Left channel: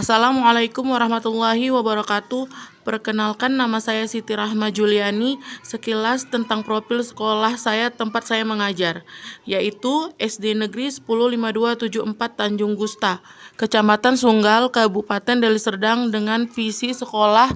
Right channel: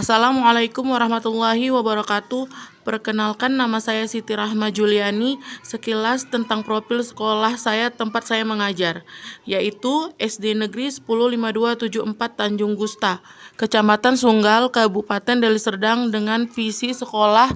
Assalamualaikum warahmatullahi wabarakatuh. Perkenalkan, nama saya Siti Rahma Juliani. Sekilas tentang profil sekolah saya tempat saya mengajar, yaitu SD Negeri 105274 Tanjung Gusta, Kecamatan Sunggal, Kabupaten Deli Serdang, dengan visi sekolah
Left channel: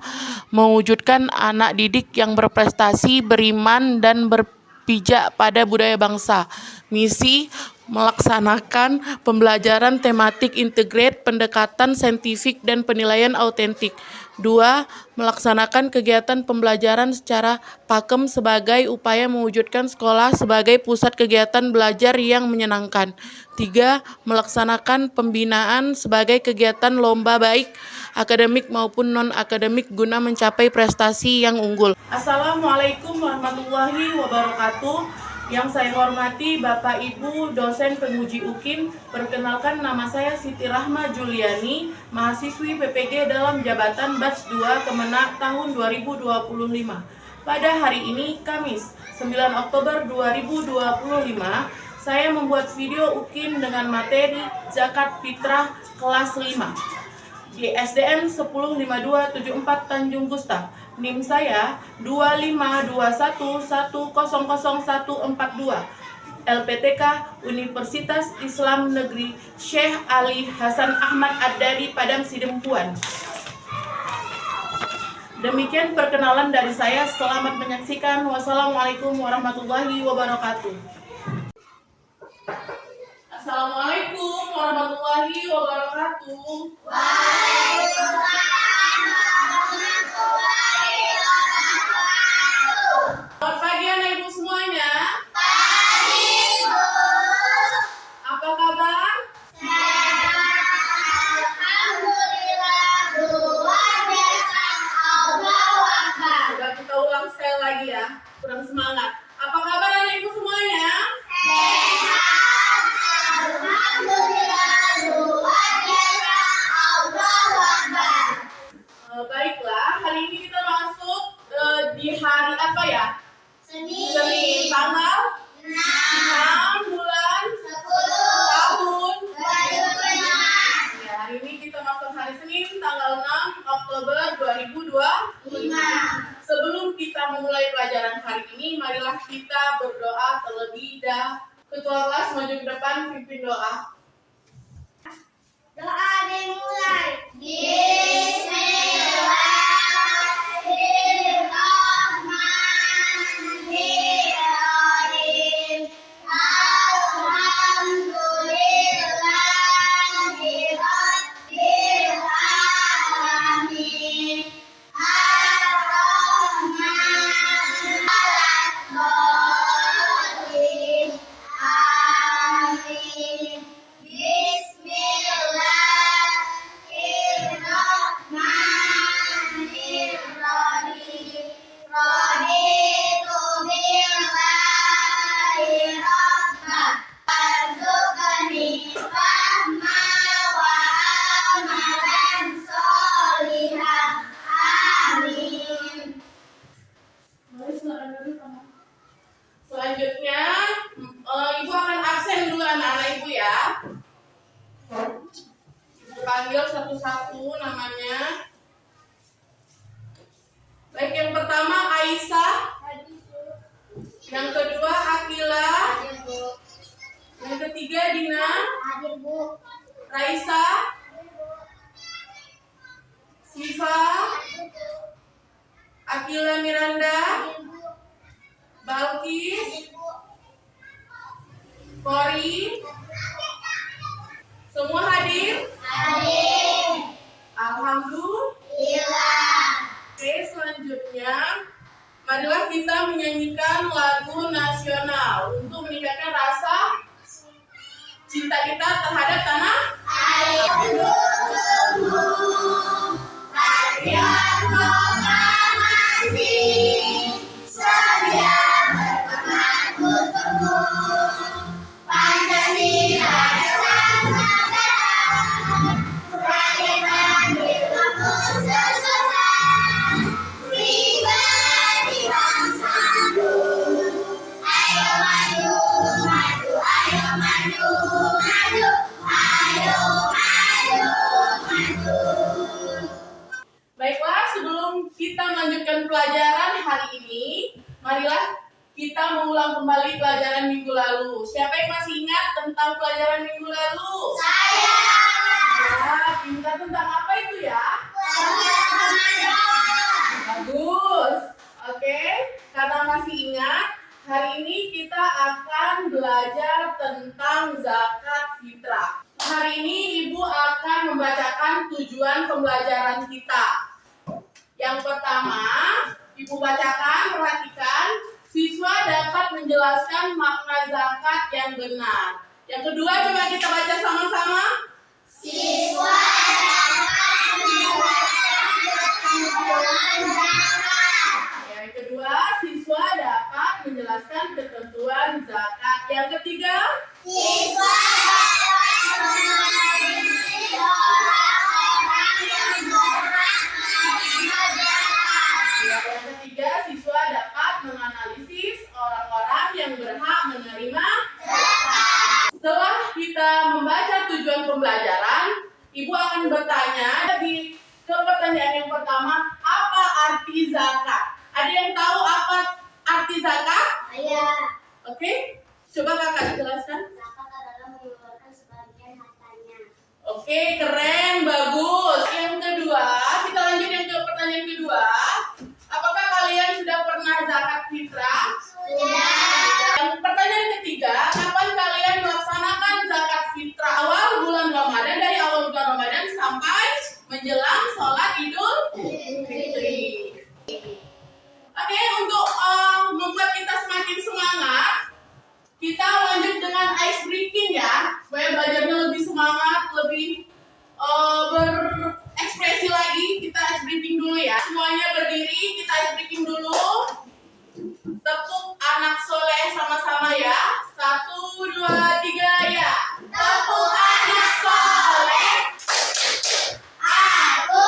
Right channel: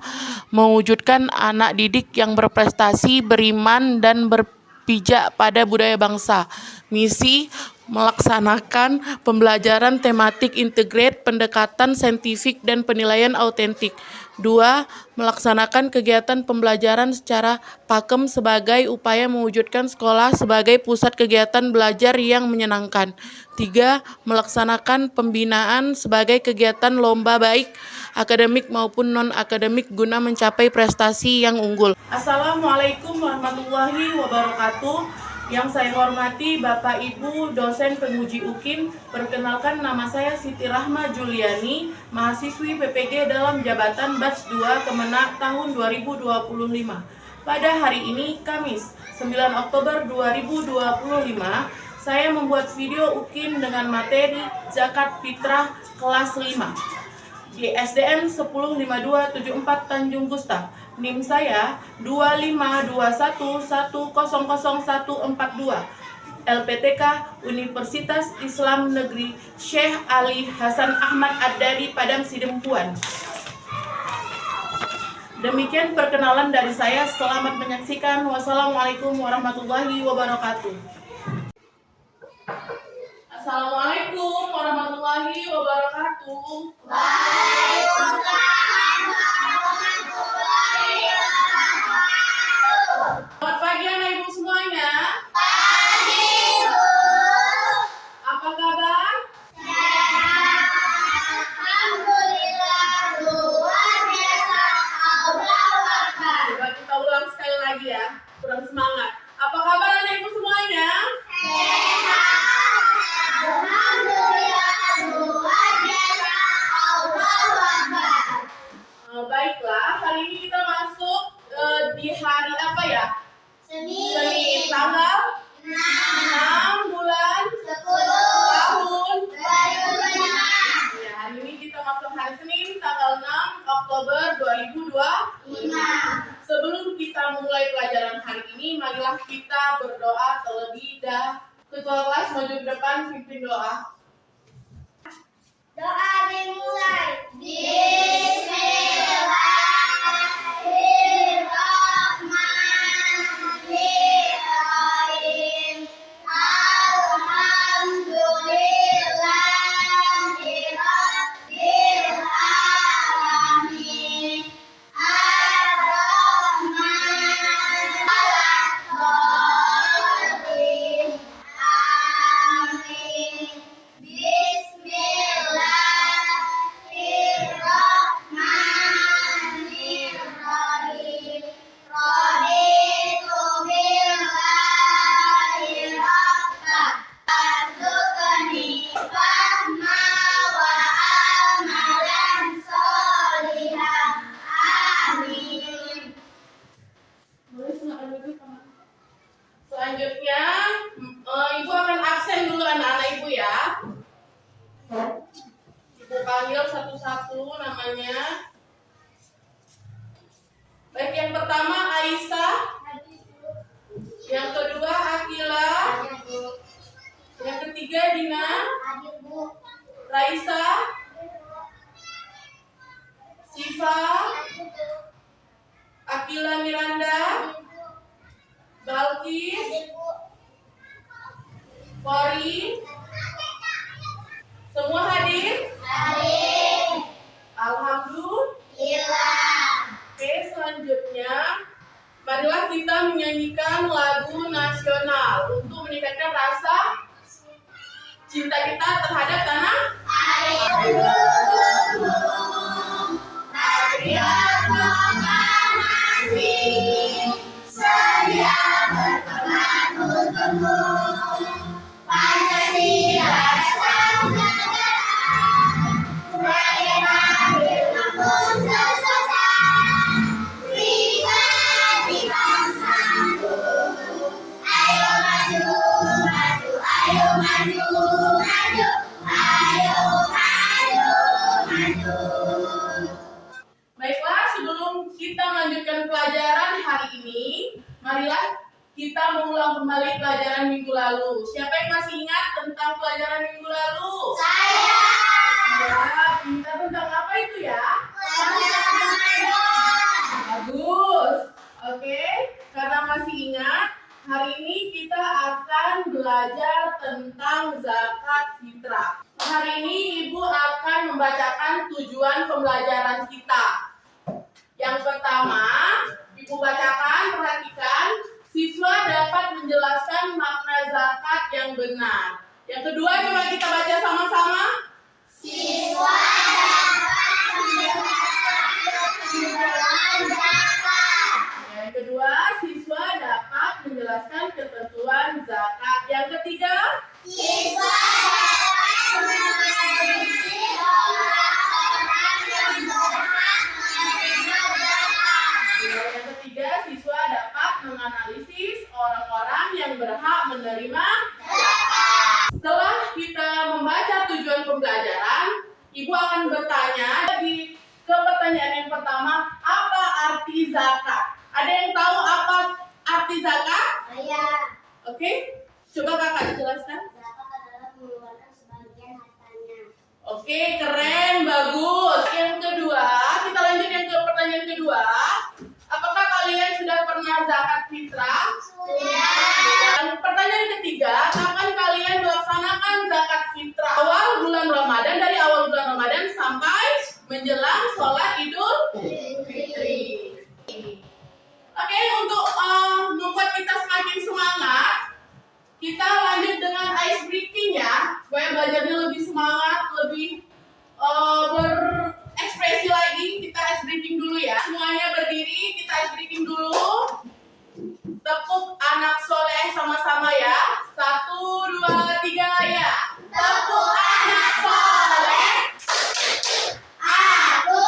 mewujudkan anak didik yang berprestasi, beriman, dan berpijak pada budaya bangsa. Misi melaksanakan pembelajaran tematik integrate, pendekatan saintifik, dan penilaian autentik. 2. Melaksanakan kegiatan pembelajaran secara pakem sebagai upaya mewujudkan sekolah sebagai pusat kegiatan belajar yang menyenangkan. 3. Melaksanakan pembinaan sebagai kegiatan lomba baik akademik maupun non-akademik guna mencapai prestasi yang unggul. Assalamualaikum warahmatullahi wabarakatuh. Yang saya hormati Bapak Ibu dosen penguji UKIN, perkenalkan, nama saya Siti Rahma Juliani, mahasiswi PPG dalam jabatan Batch 2 Kemenak tahun 2025. Pada hari ini, Kamis 9 Oktober 2025, saya membuat video UKIN dengan materi Zakat Fitrah kelas 5 di SDN 105274 Tanjung Gusta. NIM saya 25211000142. LPTK Universitas Islam Negeri Syekh Ali Hasan Ahmad Ad-Dari Padang Sidempuan. Demikian perkenalan dari saya. Selamat menyaksikan. Wassalamualaikum warahmatullahi wabarakatuh. Assalamualaikum warahmatullahi wabarakatuh. Waalaikumsalam warahmatullahi wabarakatuh. Selamat pagi anak ibu semuanya. Pagi, Bu. Apa kabar? Sehat. Alhamdulillah, luar biasa. Allahu Akbar. Coba kita ulang sekali lagi ya. Kurang semangat. Apa kabar anak ibu semuanya? Sehat. Alhamdulillah, luar biasa. Allahu Akbar. Baiklah, hari ini kita masuk di hari apa ya? Senin, tanggal 6 bulan 10 tahun 2005. ya, hari ini kita masuk hari Senin tanggal 6 Oktober 2025. Sebelum kita memulai pelajaran hari ini, marilah kita berdoa terlebih dahulu. Ketua kelas maju ke depan, pimpin doa. Doa dimulai. Bismillahirrahmanirrahim. Alhamdulillahirabbil alamin. Ar-Rahman Amin. Bismillahirrahmanirrahim. Raditu billahi rabba. Arzuqani fahma wa amalan sholihan. Amin. Selanjutnya, Ibu akan absen dulu anak-anak Ibu ya. Ibu panggil satu-satu namanya. Baik, yang pertama Aisyah, yang kedua Akila, yang ketiga Dina, Raisa, Siva, Akila Miranda, Balkis, Kori, semua hadir? Alhamdulillah. Oke, selanjutnya marilah kita menyanyikan lagu nasional untuk meningkatkan rasa cinta kita terhadap tanah air. Maju, maju, ayo maju, maju. ini, marilah kita mengulang kembali pelajaran minggu lalu. Siapa yang masih ingat tentang pelajaran minggu lalu? Saya. Ya, pintar tentang apa itu ya? Pelajaran Ramadan. Bagus. Oke, karena masih ingat, hari ini kita akan belajar tentang zakat fitrah. Hari ini Ibu akan membacakan tujuan pembelajaran kita. Yang pertama, Ibu bacakan, perhatikan, siswa dapat menjelaskan makna zakat yang benar. Yang kedua, coba kita baca sama-sama. Siswa dapat menjelaskan ketentuan zakat. Yang kedua, siswa dapat menjelaskan ketentuan zakat. Yang ketiga, Siswa dapat menganalisis orang-orang yang berhak menerima zakat. yang ketiga, siswa dapat menganalisis orang-orang yang berhak menerima. Setelah kita membaca tujuan pembelajaran, Ibu akan bertanya ke pertanyaan yang pertama, apa arti zakat? Ada yang tahu apa arti zakat? Saya. Oke, coba kakak jelaskan. Zakat adalah mengeluarkan sebagian hartanya. Oke, keren, bagus. Yang kedua, kita lanjut yang ke pertanyaan kedua. Apakah kalian sudah pernah zakat fitrah? Sudah. Dan pertanyaan ketiga, kapan kalian melaksanakan zakat fitrah? Awal bulan Ramadan, dari awal bulan Ramadan sampai menjelang sholat Idul Fitri. Oke, untuk membuat kita semakin semangat, kita lanjut dengan ice breaking ya, supaya belajarnya lebih semangat, lebih berekspresi lagi. Kita ice breaking dulu ya. Semuanya berdiri, kita ice breaking dulu. Tepuk anak soleh sama-sama ya. 1, 2, 3 ya. Tepuk anak soleh. Aku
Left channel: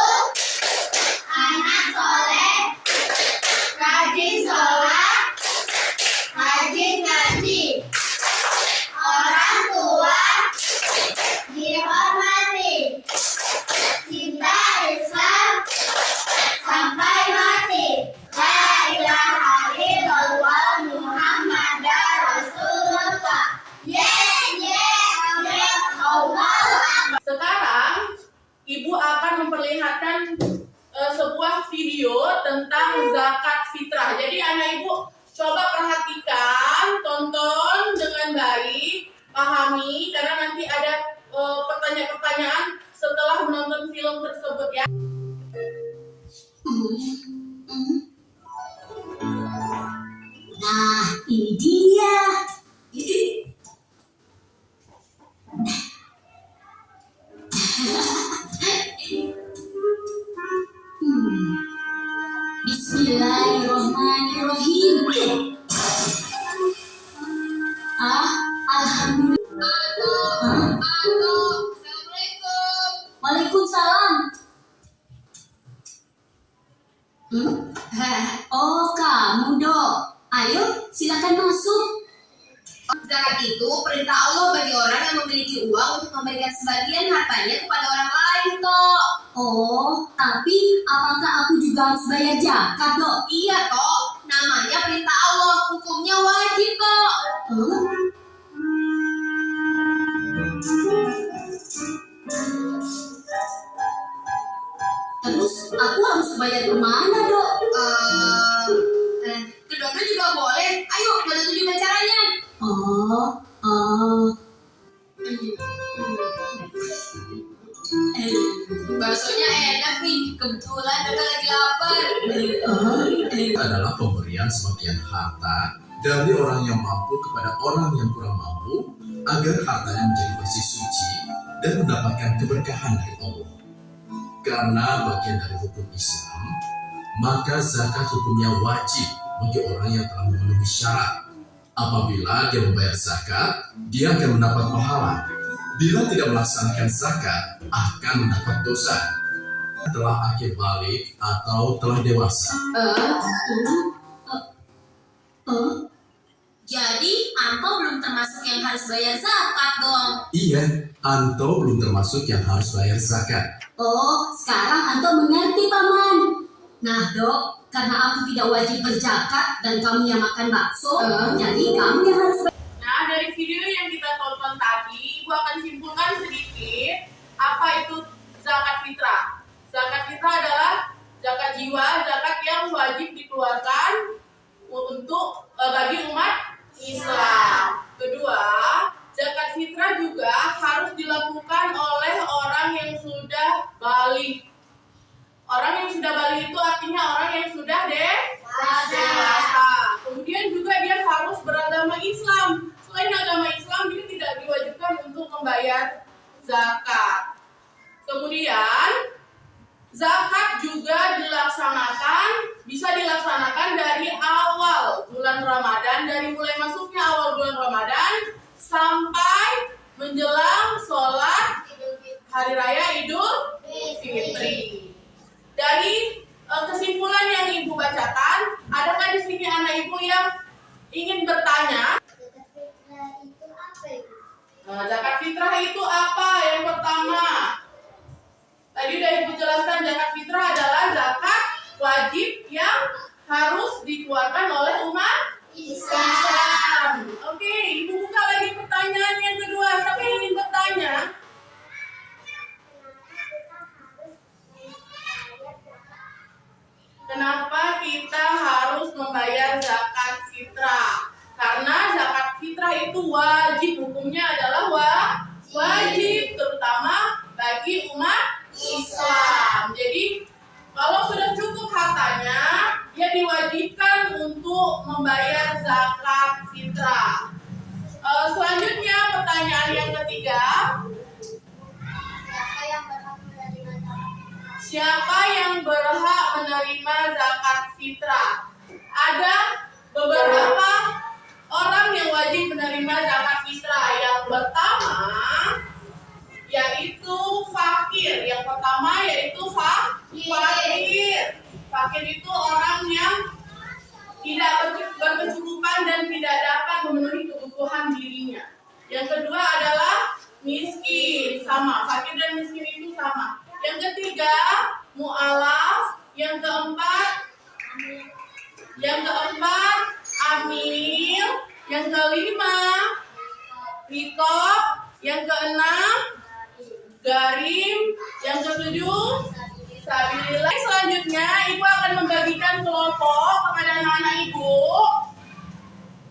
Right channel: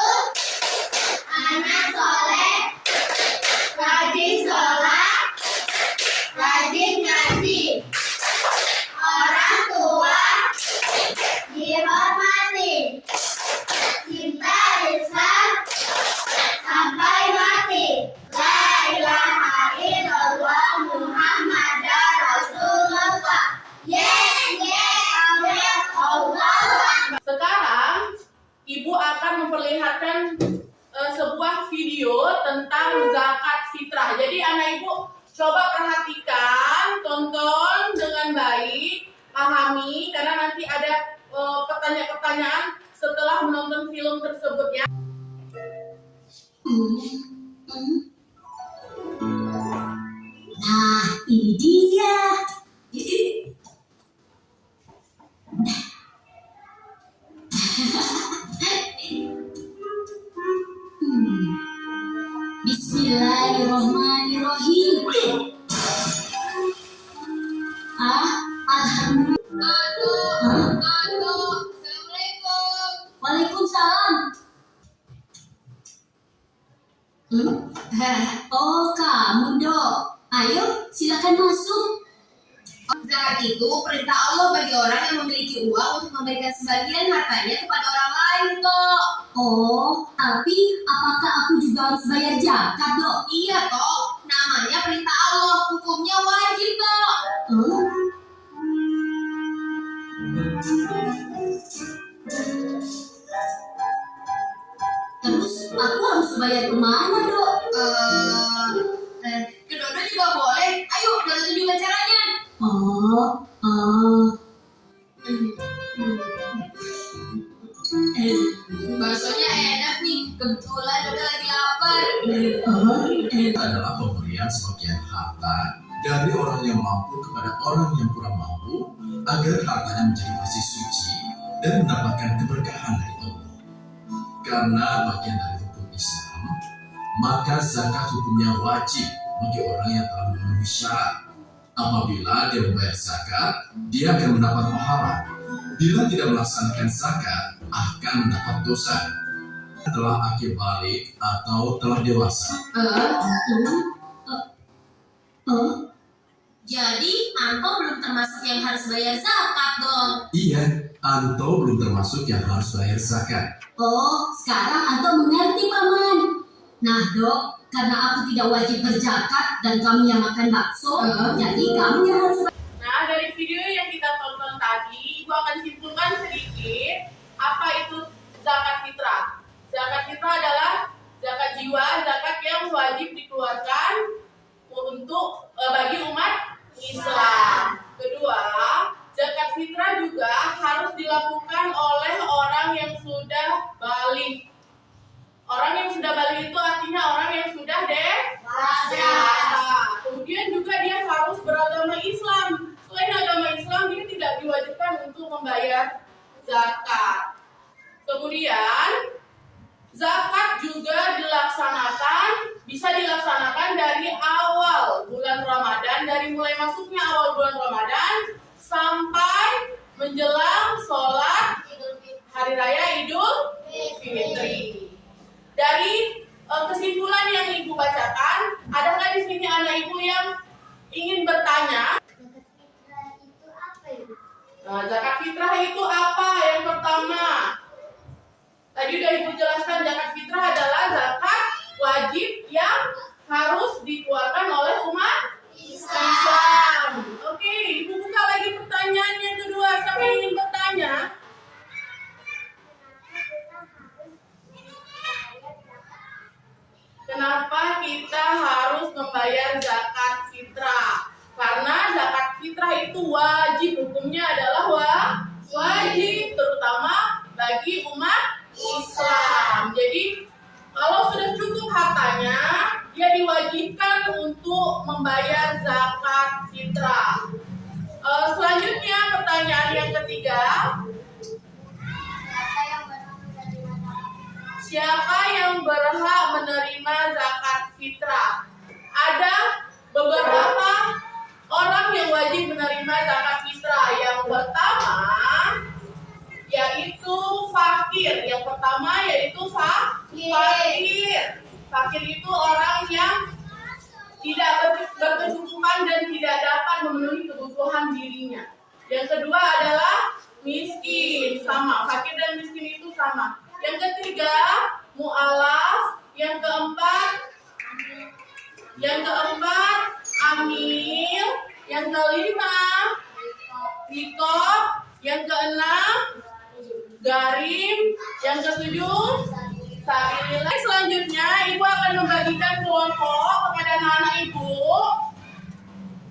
anak soleh. Rajin sholat. Rajin ngaji. Orang tua dihormati. Cinta Islam sampai mati. La ilaha illallah Muhammadar Rasulullah. Allah. Sekarang Ibu akan memperlihatkan sebuah video tentang zakat fitrah. Jadi anak Ibu coba perhatikan, tonton dengan baik, pahami, karena nanti ada pertanyaan-pertanyaan setelah menonton film tersebut ya. Nah, ini dia. Bismillahirrahmanirrahim. Alhamdulillah. Assalamualaikum. Waalaikumsalam. Oh, kamu, Dok. Ayo, silakan masuk. Zakat itu perintah Allah bagi orang yang memiliki uang untuk memberikan sebagian hartanya kepada orang lain, Tok. Oh, tapi apakah aku juga harus bayar zakat, Dok? Iya, Tok. Namanya perintah Allah, hukumnya wajib, Tok. Terus aku harus bayar kemana, Dok? Kedua-dua juga boleh. Ayo, kita tunjukkan caranya. Baksonya enak nih. Kebetulan Dodo lagi lapar. Adalah pemberian sebagian harta dari orang yang mampu kepada orang yang kurang mampu agar hartanya menjadi bersih suci dan mendapatkan keberkahan dari Allah. Karena bagian dari hukum Islam, maka zakat hukumnya wajib bagi orang yang telah memenuhi syarat. Apabila dia membayar zakat, dia akan mendapat pahala. Bila tidak melaksanakan zakat, akan mendapat dosa. Telah akil balik atau telah dewasa. Jadi Anto belum termasuk yang harus bayar zakat dong. Iya, Anto belum termasuk yang harus bayar zakat. Oh, sekarang Anto mengerti, Paman. Nah, Dok, karena aku tidak wajib berzakat dan kamu yang makan bakso, jadi kamu yang harus Nah, dari video yang kita tonton tadi, Ibu akan simpulkan sedikit apa itu zakat fitrah. Zakat fitrah adalah zakat jiwa, zakat yang wajib dikeluarkan untuk bagi umat Islam. Kedua, zakat fitrah juga harus dilakukan oleh orang yang sudah balik. Orang yang sudah balik itu artinya orang yang sudah dewasa. Kemudian juga dia harus beragama Islam. Selain agama Islam, dia tidak diwajibkan untuk membayar zakat. Kemudian, zakat juga bisa dilaksanakan dari awal bulan Ramadan, dari mulai masuknya awal bulan Ramadan sampai menjelang sholat Hari Raya Idul Fitri. Dari kesimpulan yang Ibu bacakan, adakah di sini anak Ibu yang ingin bertanya? Zakat fitrah itu apa? Yang pertama, tadi udah Ibu jelaskan, zakat fitrah adalah zakat wajib yang harus dikeluarkan oleh umat Islam. Oke, Ibu buka lagi pertanyaan yang kedua. Siapa yang ingin bertanya? Kenapa kita harus membayar zakat fitrah? Karena zakat fitrah itu wajib, hukumnya adalah wajib, terutama bagi umat Islam. Jadi kalau sudah cukup hartanya, dia diwajibkan untuk membayar zakat fitrah. Selanjutnya pertanyaan yang ketiga, siapa yang berhak menerima zakat fitrah? Ada beberapa orang yang wajib menerima zakat fitrah. Yang pertama yaitu fakir. Yang pertama yaitu fakir. Fakir itu orang yang tidak berkecukupan dan tidak dapat memenuhi kebutuhan dirinya. Yang kedua adalah miskin, sama. Fakir dan miskin itu sama. Yang ketiga, mu'alaf. Yang keempat, amil. Yang kelima, rikob. Yang keenam, garim. Yang ketujuh, sabilillah. Selanjutnya, Ibu akan membagikan kelompok kepada anak-anak Ibu.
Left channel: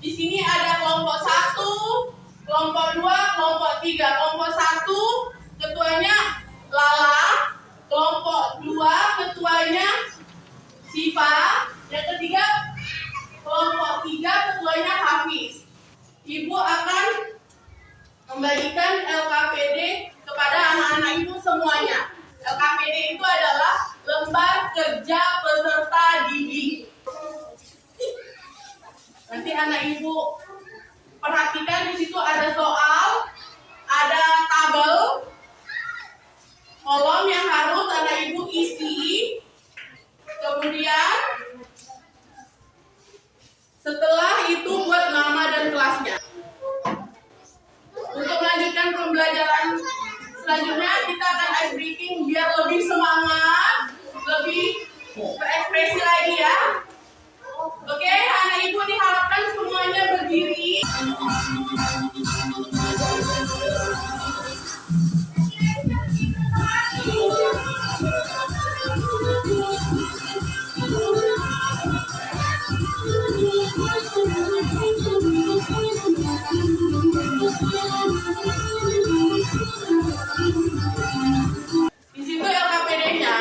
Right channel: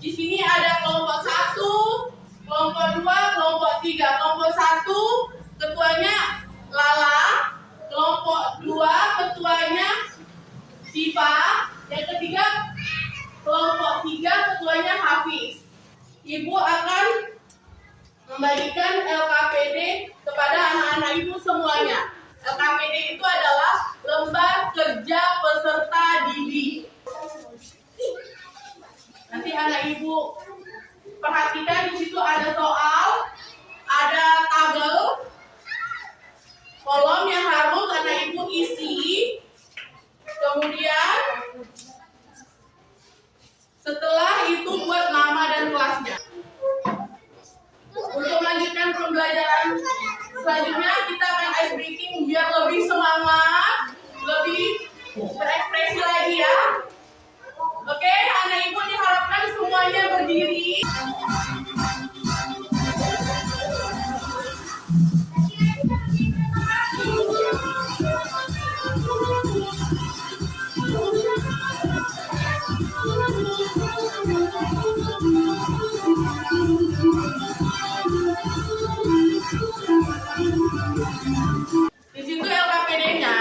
Di sini ada kelompok 1, kelompok 2, kelompok 3. Kelompok 1, ketuanya Lala. Kelompok 2, ketuanya Siva. Yang ketiga, kelompok 3, ketuanya Hafiz. Ibu akan membagikan LKPD kepada anak-anak Ibu semuanya. LKPD itu adalah lembar kerja peserta didik. Nanti anak Ibu perhatikan, di situ ada soal, ada tabel, kolom yang harus anak Ibu isi. Kemudian setelah itu buat mama dan kelasnya. Untuk melanjutkan pembelajaran selanjutnya, kita akan ice breaking biar lebih semangat, lebih berekspresi lagi ya. Oke, anak Ibu diharapkan semuanya berdiri. Di situ LKPD-nya,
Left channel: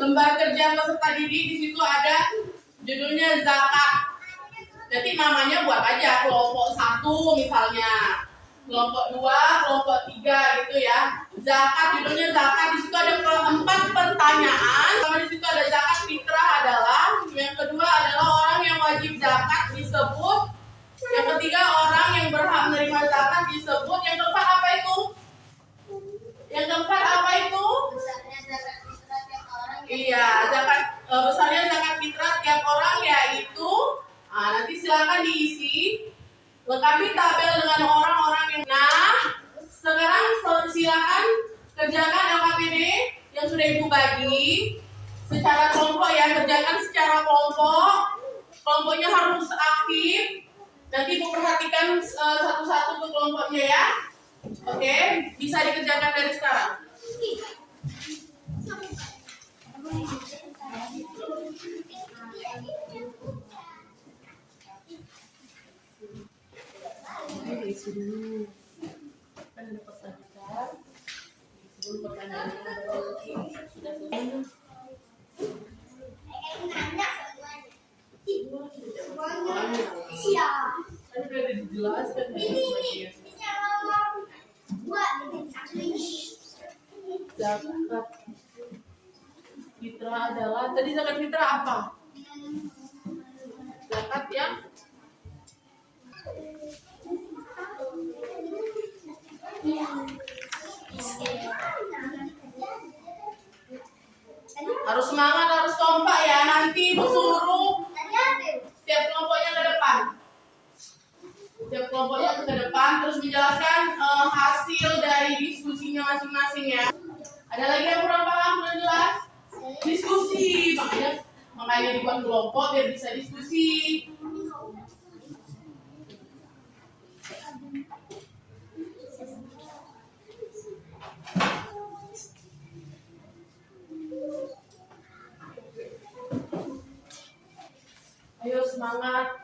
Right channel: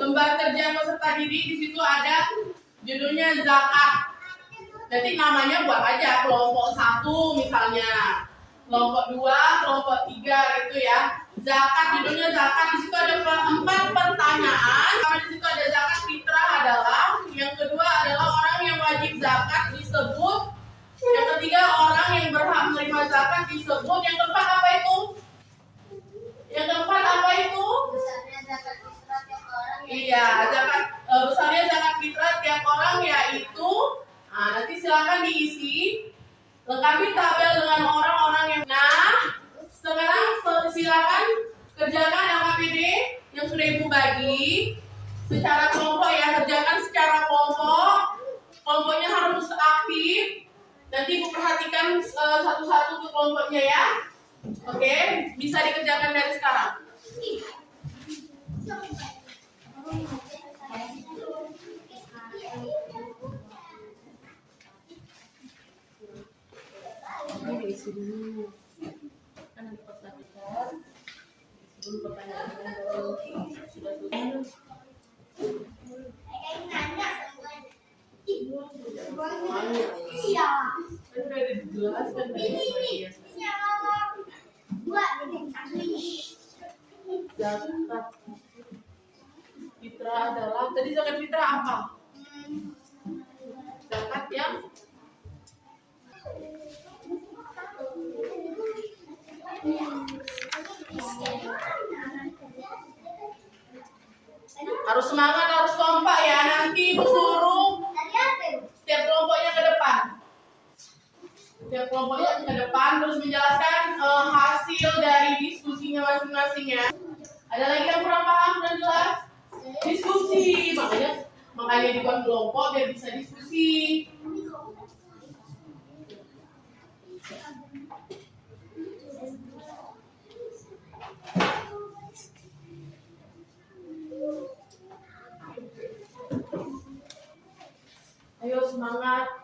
lembar kerja peserta didik, di situ ada judulnya zakat. Nanti namanya buat aja kelompok 1 misalnya, kelompok 2, kelompok 3 gitu ya. Zakat, judulnya zakat. Di situ ada 4 pertanyaan. Di situ ada zakat fitrah adalah, yang kedua adalah orang yang wajib zakat disebut. Yang ketiga orang yang berhak menerima zakat disebut. Yang keempat apa itu? Yang keempat apa itu? Besarnya zakat fitrah tiap orang. Iya, zakat besarnya zakat fitrah tiap orang yaitu. Nanti silakan diisi. Lengkapi tabel dengan orang-orang yang. Nah, sekarang silakan kerjakan LKPD yang sudah Ibu bagi secara kelompok ya. Kerjakan secara kelompoknya harus aktif. Nanti Ibu perhatikan satu-satu ke kelompoknya ya. Oke, bisa dikerjakan dari sekarang. Ini diisi dulu. Kan ada pertanyaan. Dulu pertanyaannya baru sudah selesai. Iya. Kan udah dijelaskan tadi. Zakat fitrah adalah, tadi zakat fitrah apa? Zakat yang harus semangat, harus kompak ya. Nanti Ibu suruh setiap kelompoknya ke depan. Setiap kelompoknya ke depan terus menjelaskan hasil dari diskusinya masing-masing ya. Ada lagi yang kurang paham, kurang jelas? Diskusi, makanya dibuat kelompok biar bisa diskusi. Ayo semangat,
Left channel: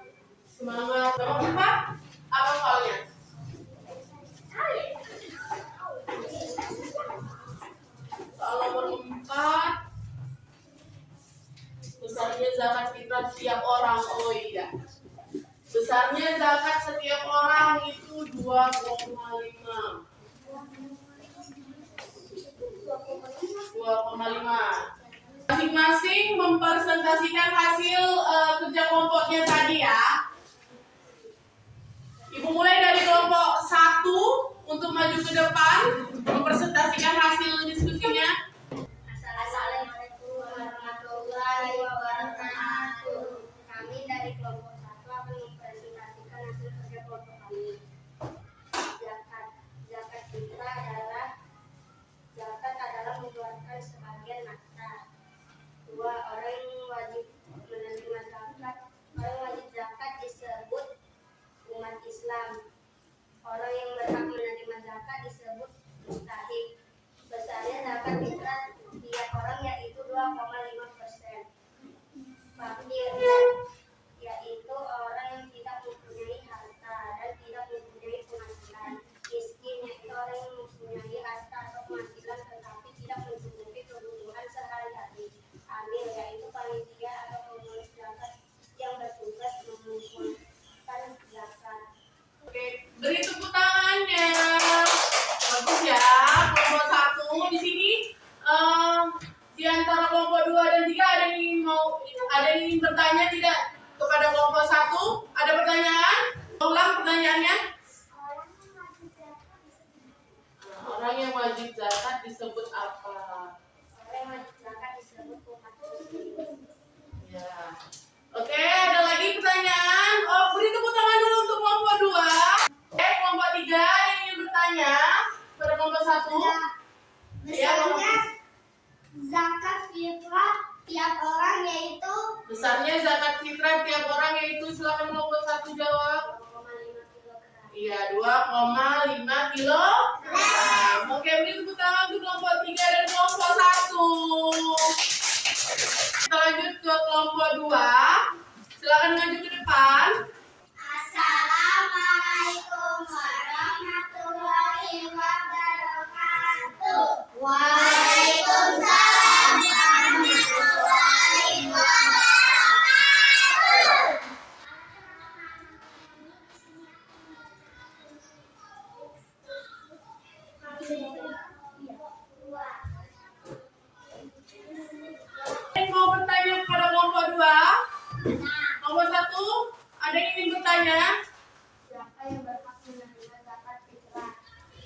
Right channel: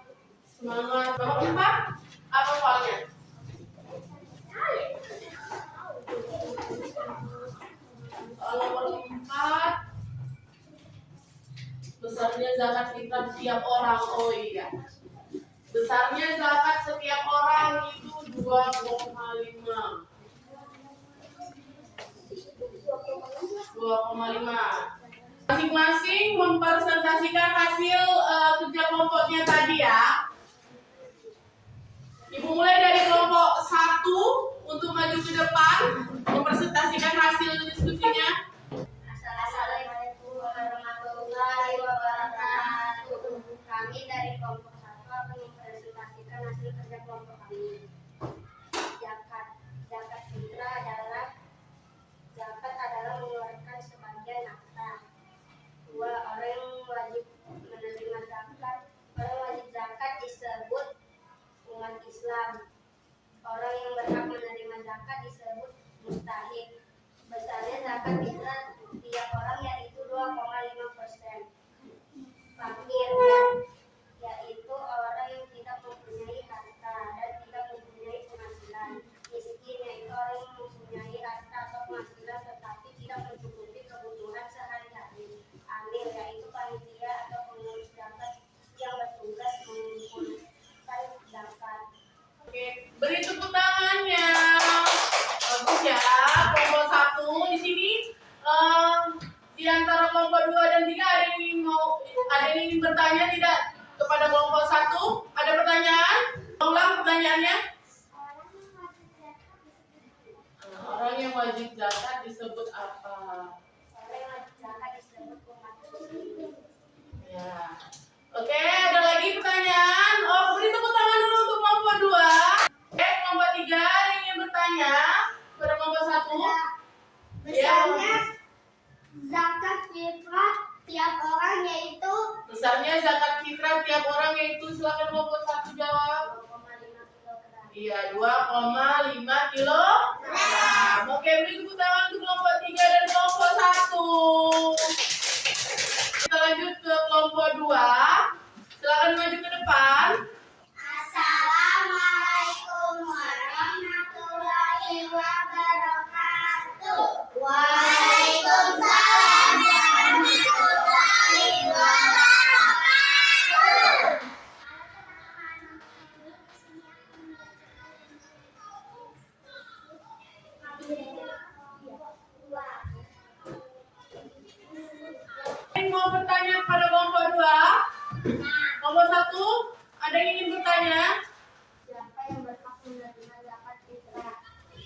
semangat. Nomor 4, apa soalnya? Soal nomor 4, besarnya zakat fitrah setiap orang. Oh iya, besarnya zakat setiap orang itu 2,5. 2,5. Masing-masing mempresentasikan hasil kerja kelompoknya tadi ya. Ibu mulai dari kelompok 1 untuk maju ke depan, mempresentasikan hasil diskusinya. Assalamualaikum warahmatullahi wabarakatuh. Kami dari kelompok 1 akan mempresentasikan hasil kerja kelompok kami. Zakat fitrah adalah mengeluarkan sebagian nafkah. 2. Orang yang wajib menerima zakat. Orang wajib zakat disebut umat Islam. Orang yang berhak menerima zakat disebut mustahik. Besarnya zakat fitrah tiap orang yaitu 2,5%. Fakir yaitu orang yang tidak mempunyai harta dan tidak mempunyai penghasilan. Miskin yaitu orang yang mempunyai harta atau penghasilan tetapi tidak mencukupi kebutuhan sehari-hari. Amil yaitu panitia atau pengurus zakat yang bertugas mengumpulkan zakat. Oke, beri tepuk tangannya. Bagus ya, kelompok 1 di sini. Di antara kelompok 2 dan 3 ada yang ingin bertanya tidak kepada kelompok 1? Ada pertanyaan? Ulang pertanyaannya. Orang yang wajib zakat disebut apa? Orang yang wajib zakat disebut umat muslim. Ya. Oke, ada lagi pertanyaan? Oh, beri tepuk tangan dulu untuk kelompok 2. Kelompok 3 ada yang ingin bertanya pada kelompok 1? Besarnya zakat fitrah tiap orang yaitu Besarnya zakat fitrah tiap orang yaitu, silakan kelompok 1 jawab. 2,5 kilogram. Iya, 2,5 kilogram. Oke, beri tepuk tangan untuk kelompok 3 dan kelompok 1. Kita lanjut ke kelompok 2. Silakan maju ke depan. Assalamualaikum warahmatullahi wabarakatuh. Waalaikumsalam warahmatullahi wabarakatuh. Mau bertanya kepada kelompok 2? Kelompok 1, ada yang ingin bertanya? Siapa yang berhak menerima zakat fitrah?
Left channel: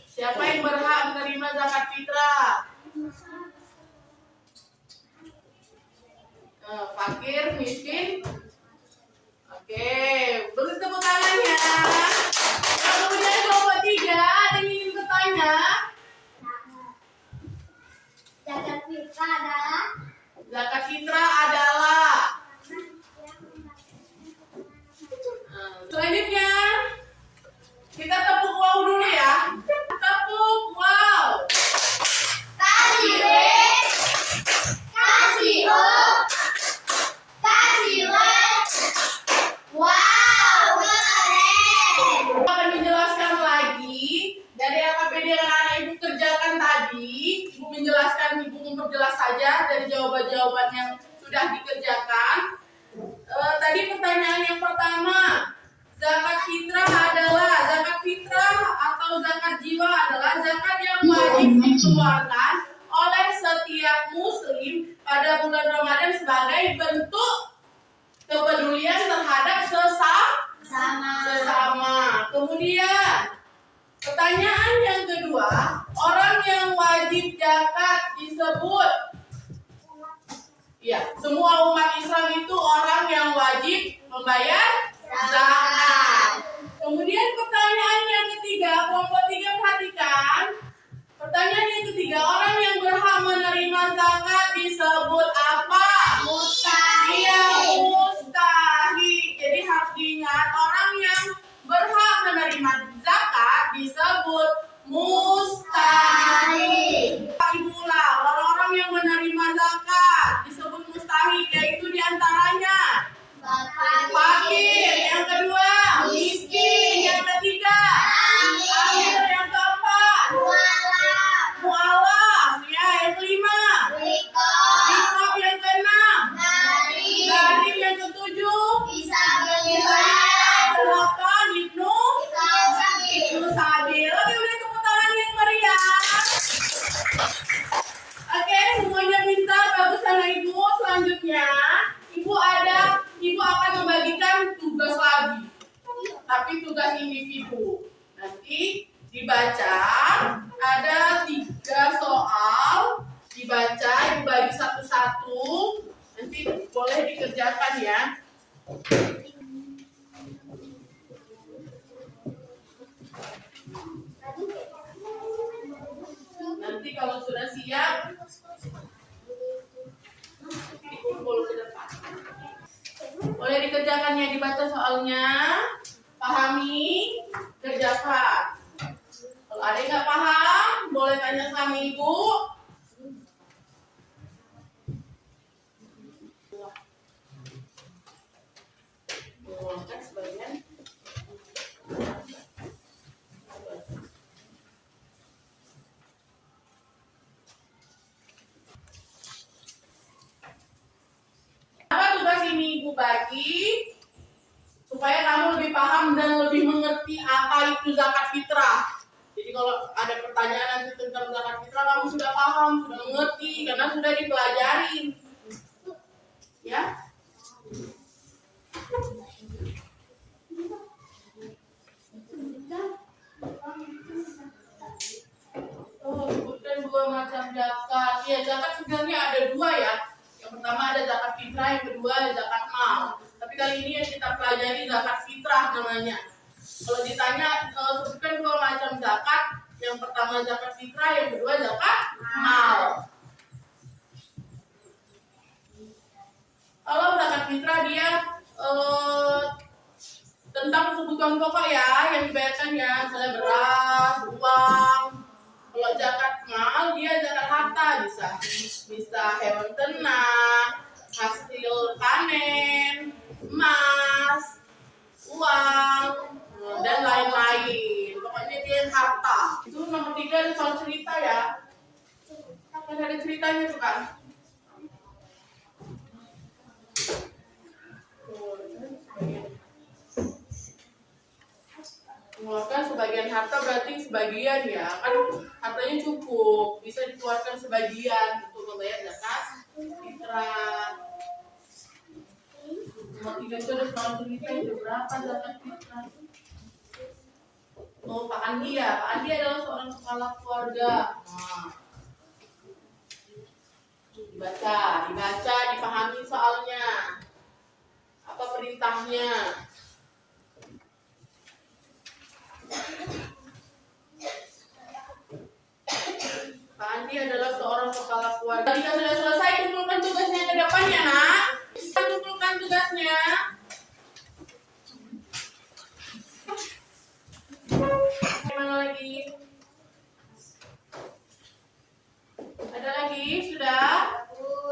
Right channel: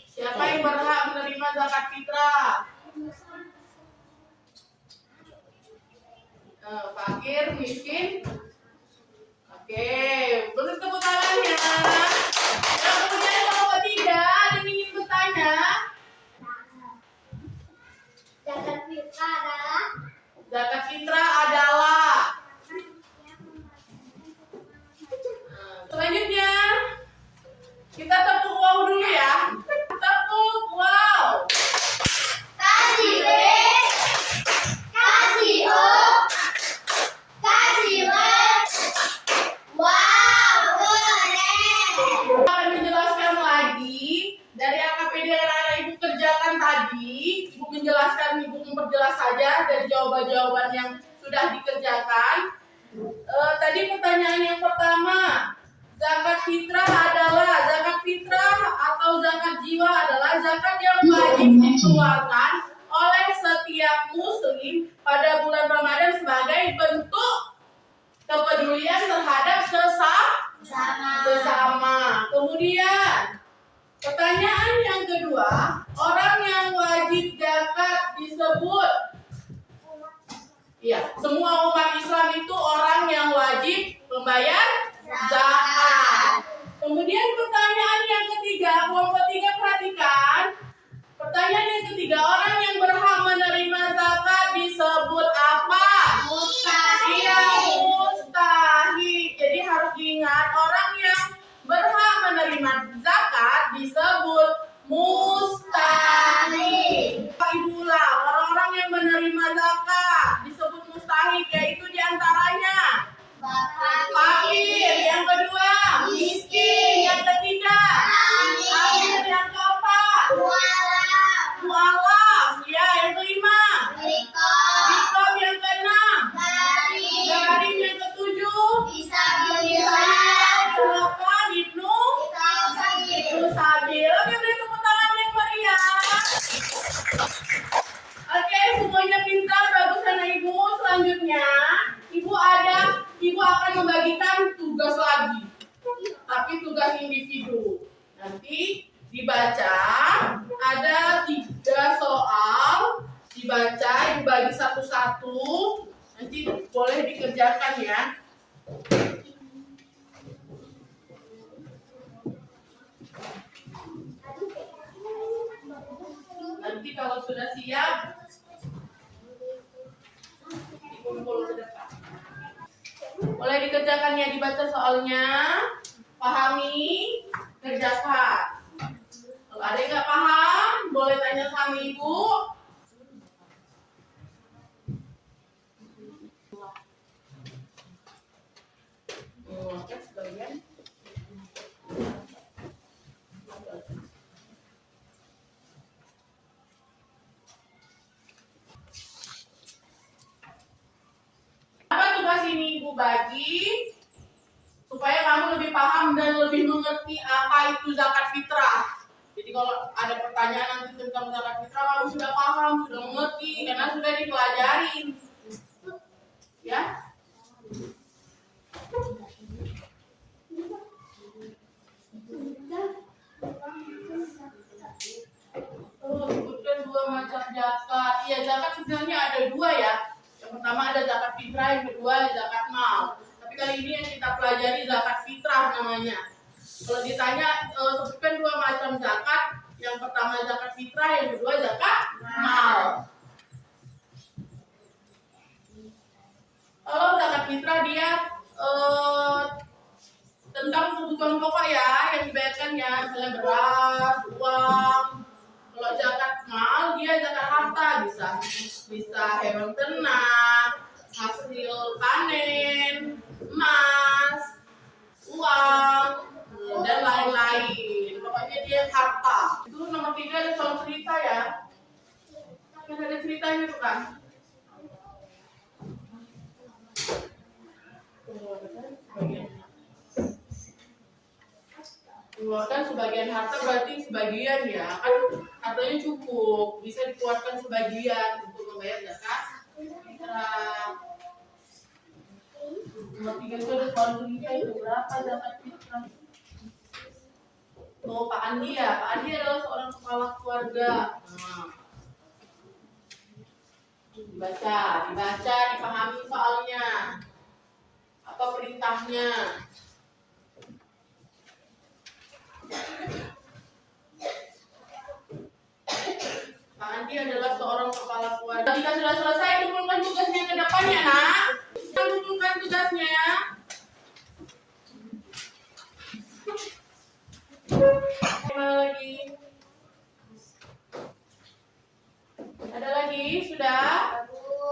Siapa yang berhak menerima zakat fitrah? Fakir, miskin. Oke, beri tepuk tangannya. Dan kemudian kelompok 3, ada yang ingin bertanya? Zakat fitrah adalah Zakat fitrah adalah menjelaskan, Ibu memperjelas saja dari jawaban-jawaban yang sudah dikerjakan. Tadi pertanyaan yang pertama, zakat fitrah atau zakat jiwa adalah zakat yang wajib dikeluarkan oleh setiap muslim pada bulan Ramadan sebagai bentuk kepedulian terhadap sesama. Kemudian pertanyaan yang kedua, orang yang wajib zakat disebut, ya, semua umat Islam itu orang yang wajib membayar zakat. Kemudian pertanyaan yang ketiga, kelompok 3 perhatikan. Pertanyaan yang ketiga, orang yang berhak menerima zakat disebut apa? Iya, mustahik. Jadi harus diingat, orang yang berhak menerima zakat disebut mustahik. Ibu ulang, orang-orang yang menerima zakat disebut mustahik, yaitu diantaranya fakir, yang kedua miskin, yang ketiga amil, yang keempat mu'alaf, ya, yang kelima rikab, yang keenam garim, yang ketujuh delapan ibnu sabil. Oke, beri tepuk tangan yang meriah. Oke, semuanya pintar, bagus anak ibu. Selanjutnya ibu akan membagikan tugas lagi, tapi tugas individu. Nanti dibaca, ada 3 soal, dibaca, ibu bagi satu-satu, nanti boleh dikerjakan ya. Nanti kalau sudah siap, dikumpul ke depan. Boleh dikerjakan ya, dibaca soalnya, pahami, kerjakan. Kalau ada yang nggak paham, boleh tanya sama ibu. Kan sebagian. Apa tugas ini ibu bagi supaya kamu lebih paham dan lebih mengerti apa itu zakat fitrah. Jadi kalau ada pertanyaan nanti tentang zakat fitrah, kamu sudah paham, sudah mengerti karena sudah dipelajarin. Ya. Sebutkan 2 macam zakat. Iya, zakat sebenarnya ada 2 ya. Yang pertama ada zakat fitrah, yang kedua ada zakat mal. Tapi kali ini yang kita pelajari zakat fitrah namanya. Kalau ditanya sebutkan 2 macam zakat, yang pertama zakat fitrah, yang kedua zakat mal. Kalau zakat fitrah dia tentang kebutuhan pokok ya, yang dibayarkan ya, misalnya beras, uang. Kalau zakat mal dia zakat harta, bisa hewan ternak, hasil panen, emas, uang, dan lain-lain. Pokoknya dia harta. Itu nomor 3 ada soal cerita ya. Kan ada ceritanya tuh kan. Mengeluarkan sebagian harta berarti sebagian ya, kan hartanya cukup, bisa dikeluarkan sebagian untuk membayar zakat fitrah. Nomor 3 itu ada soal cerita, itu berapa zakat fitrah? Oh, Pak Andi ya, Pak Andi adalah seorang kepala keluarga. Nah, dibaca, dipahami soalnya, apa perintahnya. Pak Andi adalah seorang kepala keluarga. Jika sudah selesai, kumpulkan tugasnya ke depan ya nak. Kumpulkan tugasnya. Mana lagi? Ada lagi? Sudah?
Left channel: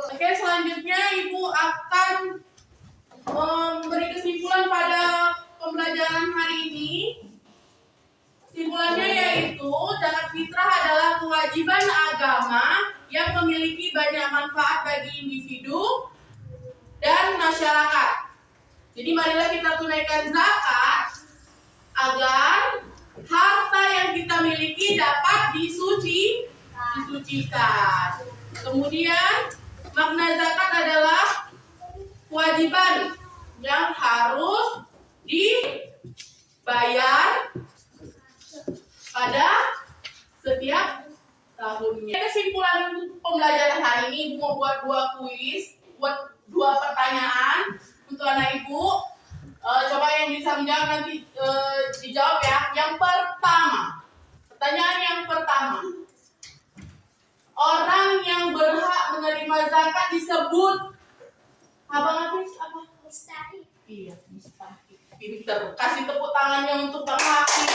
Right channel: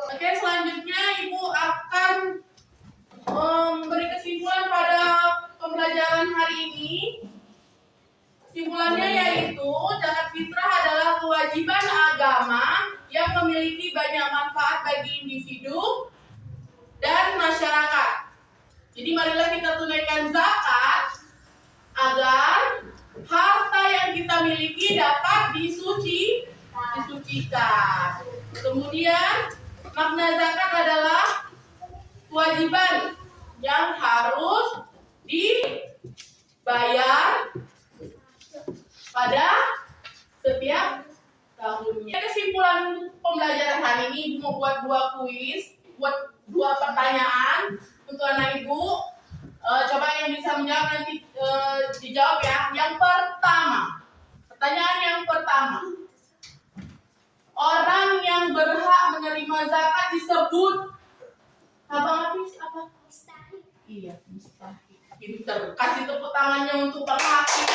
Oke, selanjutnya ibu akan memberi kesimpulan pada pembelajaran hari ini. Kesimpulan kesimpulannya yaitu zakat fitrah adalah kewajiban agama yang memiliki banyak manfaat bagi individu dan masyarakat. Jadi marilah kita tunaikan zakat agar harta yang kita miliki dapat disucikan. Kemudian makna zakat adalah kewajiban yang harus dibayar pada setiap tahunnya. Kesimpulan pembelajaran hari ini Ibu mau buat 2 kuis, buat 2 pertanyaan untuk anak Ibu. Coba yang bisa menjawab nanti dijawab ya. Yang pertama, pertanyaan yang pertama, orang yang berhak menerima zakat disebut Abang Hafiz apa? Mustahil. Iya, mustahil. Pinter. Kasih tepuk tangannya untuk Bang Hafiz.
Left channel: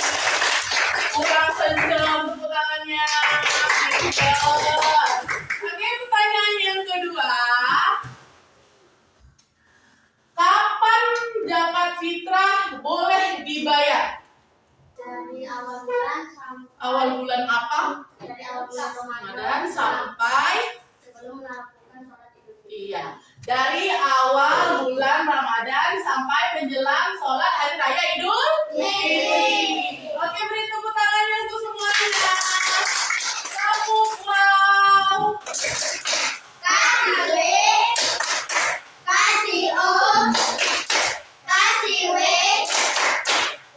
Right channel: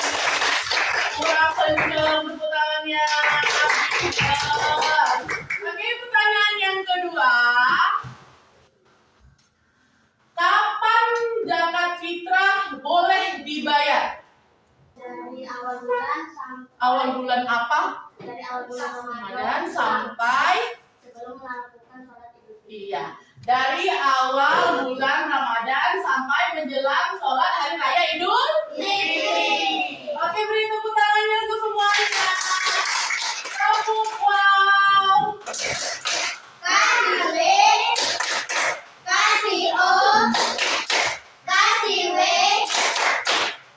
Kurang senyum tepuk tangannya. Oke, pertanyaan yang kedua. Kapan zakat fitrah boleh dibayar? Dari awal bulan sampai Awal bulan apa? dari awal bulan Ramadan Ramadan sampai sebelum melakukan sholat Idul Fitri. iya. Dari awal bulan Ramadan sampai menjelang sholat hari raya Idul Fitri. Oke, beri tepuk tangannya untuk semuanya. Tepuk wow. Kasih W, kasih O, kasih W.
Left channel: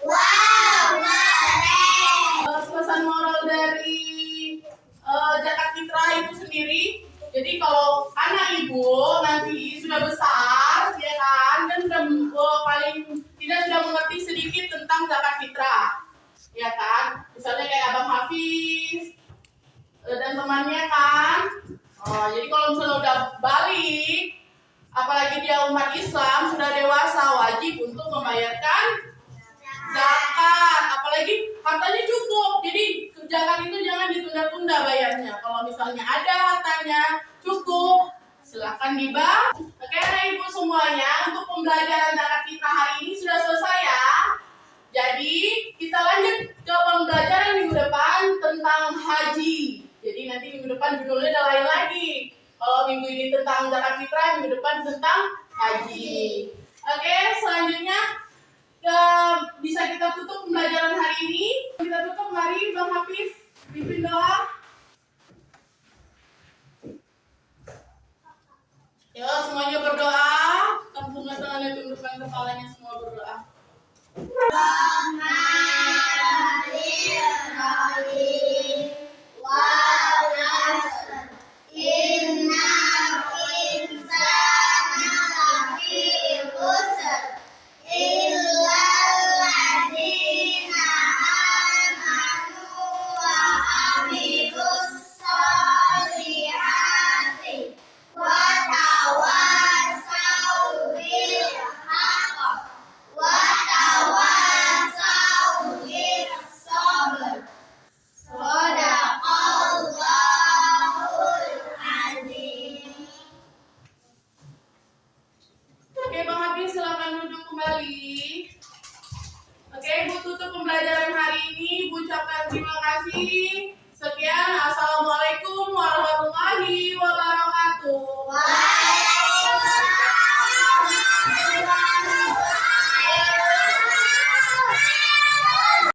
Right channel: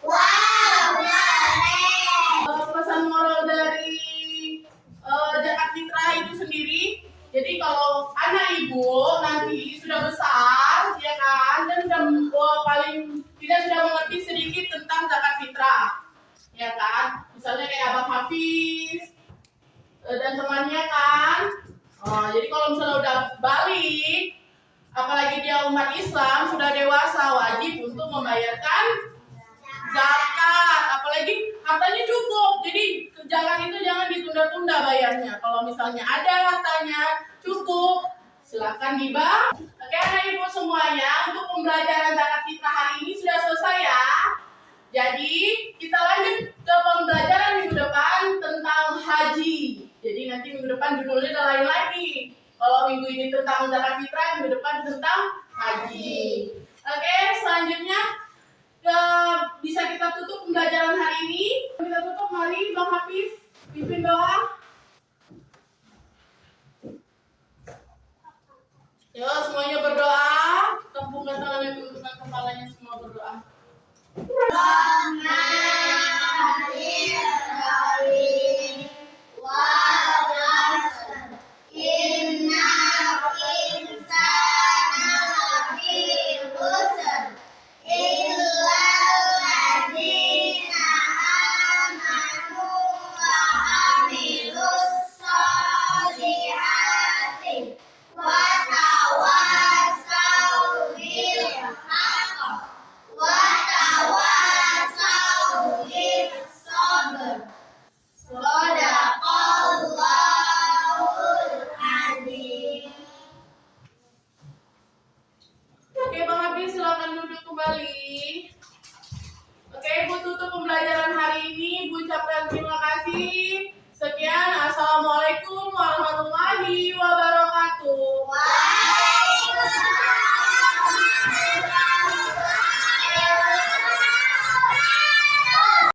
Wow, keren. Pesan moral dari zakat fitrah itu sendiri. Jadi kalau anak ibu nanti sudah besar, ya kan, dan sudah paling tidak sudah mengerti sedikit tentang zakat fitrah, ya kan. Misalnya kayak Abang Hafiz dan temannya kan. Jadi kalau misalnya udah balik, apalagi dia umat Islam sudah dewasa, wajib untuk membayarkan zakat. Apalagi hartanya cukup, jadi zakat itu jangan ditunda-tunda bayarnya. Kalau misalnya ada hartanya cukup, silakan dibayar. Oke, anak ibu semuanya, untuk pembelajaran zakat fitrah hari ini sudah selesai ya. Jadi kita lanjut ke pembelajaran minggu depan tentang haji. Jadi nanti minggu depan judulnya udah lain lagi. Kalau minggu ini tentang zakat fitrah, minggu depan tentang haji. Oke, selanjutnya bisa kita tutup pembelajaran hari ini. Kita tutup, mari Bang Hafiz pimpin doa. Yo, semuanya berdoa. Tempungkan tangannya, tundukkan kepalanya, semua berdoa. Oke, Bang Hafiz silakan duduk kembali. Oke, Ibu tutup pembelajaran hari ini. Ibu ucapkan terima kasih. Sekian, assalamualaikum warahmatullahi wabarakatuh.